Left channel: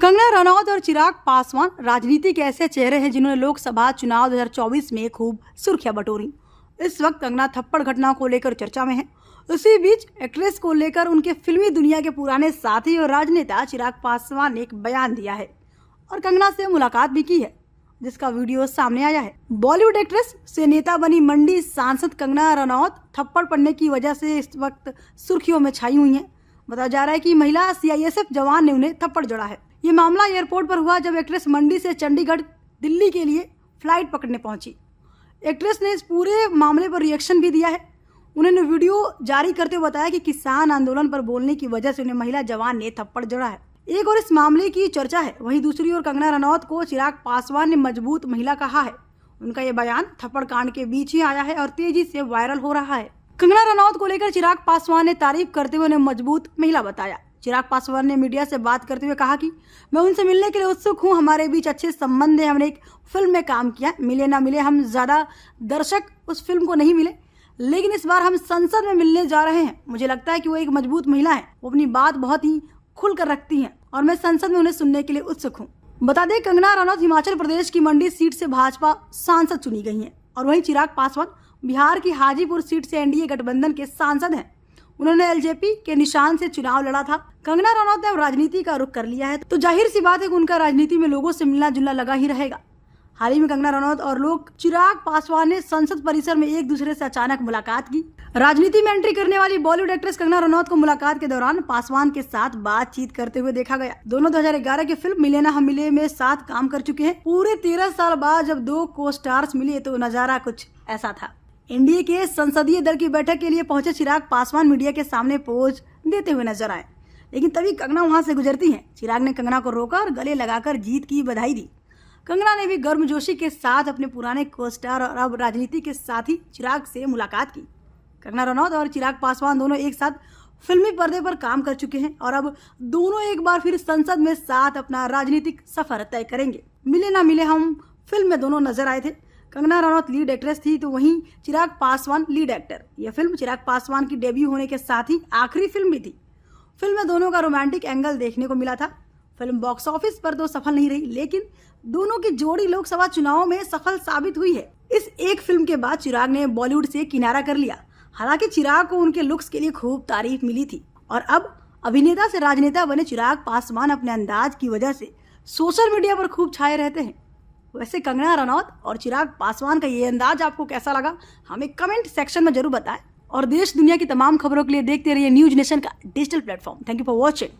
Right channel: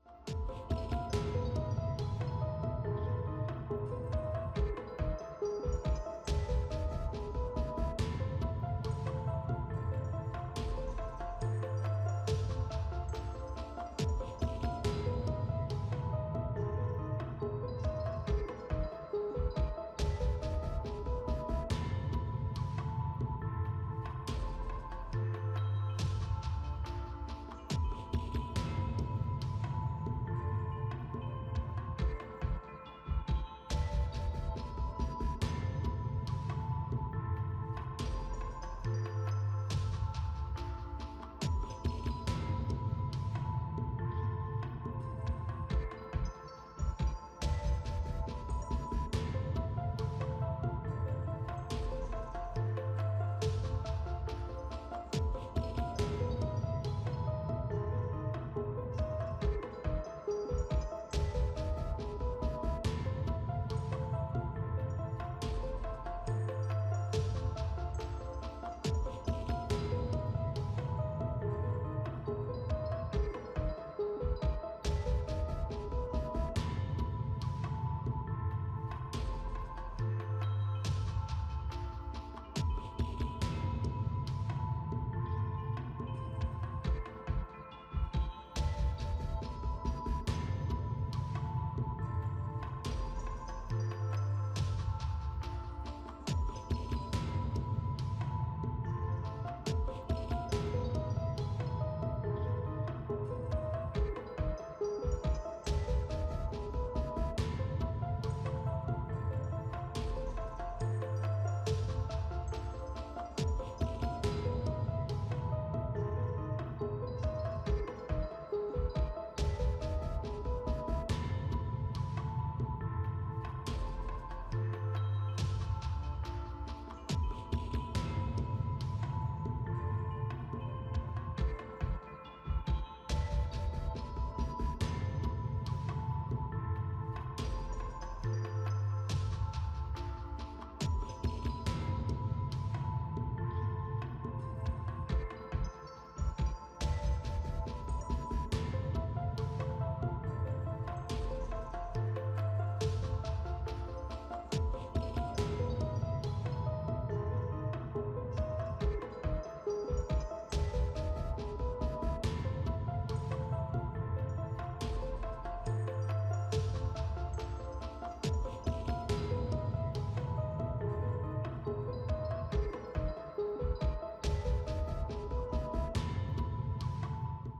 कंगना रनौत और चिराग पासवान राजनीति के ऐसे चेहरे हैं जिन्होंने लोकसभा चुनाव 2024 में खूब सुर्खियां बटोरी। इस वक्त कंगना थप्पड़ घटना को लेकर चर्चा में है। उसी बीच एक्ट्रेस को लेकर उनके फिल्मी दुनिया के पुराने साथी और राजनेता चिराग पासवान ने एक बयान दिया है और कंगना से मुलाकात भी की है, जिसका वीडियो सामने आया है। बॉलीवुड एक्ट्रेस से नेता बनी मंडी सांसद कंगना रनौत थप्पड़ पड़ने की वजह से इस वक्त सुर्खियों में छाई हुई हैं। बताया जा रहा है कि महिला सीआईएसएफ जवान ने उन्हें थप्पड़ जड़ा है। ये मामला एयरपोर्ट पर हुआ जब एक्ट्रेस मंडी से चंडीगढ़ दिल्ली के लिए फ्लाइट पकड़ने पहुंची। एक्ट्रेस ने इस पूरे मामले पर रिएक्शन भी दिया है। उन्होंने वीडियो जारी करते हुए बताया कि किसान आंदोलन पर बोलने की वजह से उन्हें महिला जवान ने थप्पड़ जड़ा है। एक और इस मामले की चर्चा है, वहीं दूसरी ओर कंगना रनौत को चिराग पासवान ने मजबूत महिला कहा है। उनका ये बयान थप्पड़ कांड के बीच ही आया है और तेजी से वायरल हो रहा है। कंगना रनौत को लेकर चिराग पासवान ने तारीफ करते हुए उन्हें मजबूत महिला बताया। चिराग पासवान ने मीडिया से बात करते हुए कहा कि मैं उनसे मिलने के लिए उत्सुक हूं, हमारे बीच अच्छे संबंध है, हमने एक फिल्म में काम किया, मिले ना मिले हम ज्यादा दर्शक उस फिल्म को नहीं मिले, लेकिन इस बार हम संसद में मिलने जा रहे हैं। मुझे लगता है कि वो एक मजबूत महिला है, वो अपनी बात बहुत ही खुलकर रखती हैं और मैं संसद में उन्हें सुनने के लिए उत्सुक हूँ। बता दें, कंगना रनौत हिमाचल प्रदेश की मंडी सीट से भाजपा सांसद चुनी गई हैं और वहीं चिराग पासवान बिहार की हाजीपुर सीट से एनडीए गठबंधन के सांसद हैं। उन्होंने एलजेपी के निशान से चुनाव लड़ा था। कंगना रनौत ने अब राजनीति का रुख कर लिया है, तो जाहिर सी बात है कि उनका राजनीति में लोगों से मिलना जुलना लगा ही रहेगा। हाल ही में कंगना रनौत और लोग चिराग पासवान ने संसद परिसर में एक दूसरे से अचानक मुलाकात की। राजनीति में एंट्री करने वाली बॉलीवुड एक्ट्रेस कंगना रनौत को मुलाकात के दौरान पासवान के साथ बातचीत करते हुए देखा गया। दोनों 2011 की फिल्म मिले ना हम मिले में साथ काम कर चुके हैं। पूरे 13 साल बाद जब दो को स्टार्स मिले तो नजारा कुछ ऐसा था। एनडीए के संसदीय दल की बैठक के लिए पहुंचे चिराग पासवान मीडिया के सामने पोज देते हुए नजर आए, लेकिन तभी कंगना वहां से गुजरती हैं। चिराग ने कंगना को रोका और गले लगाकर जीत की बधाई दी। कंगना ने भी गर्मजोशी के साथ अपने पुराने को-स्टार और अब राजनीति के साथी चिराग से मुलाकात की। कंगना रनौत और चिराग पासवान दोनों एक साथ फिल्मी पर्दे पर काम कर चुके हैं और अब दोनों एक बार फिर संसद में साथ अपना राजनीतिक सफर तय करेंगे। मिले ना मिले हम फिल्म में दोनों नजर आए थे। कंगना रनौत लीड एक्ट्रेस थी तो वहीं चिराग पासवान लीड एक्टर। यह फिल्म चिराग पासवान की डेब्यू होने के साथ ही आखिरी फिल्म भी थी। फिल्म में दोनों का रोमांटिक एंगल देखने को मिला था। फिल्म बॉक्स ऑफिस पर तो सफल नहीं रही, लेकिन दोनों की जोड़ी लोकसभा चुनाव में सफल साबित हुई है। इस एक फिल्म के बाद चिराग ने बॉलीवुड से किनारा कर लिया। हालांकि चिराग को उनके लुक्स के लिए खूब तारीफ मिली थी और अब अभिनेता से राजनेता बने चिराग पासवान अपने अंदाज की वजह से सोशल मीडिया पर खूब छाए रहते हैं। वैसे कंगना रनौत और चिराग पासवान का ये अंदाज आपको कैसा लगा, हमें कमेंट सेक्शन में जरूर बताएं और देश दुनिया की तमाम खबरों के लिए देखते रहिए न्यूज नेशन का digital platform. Thank you for watching.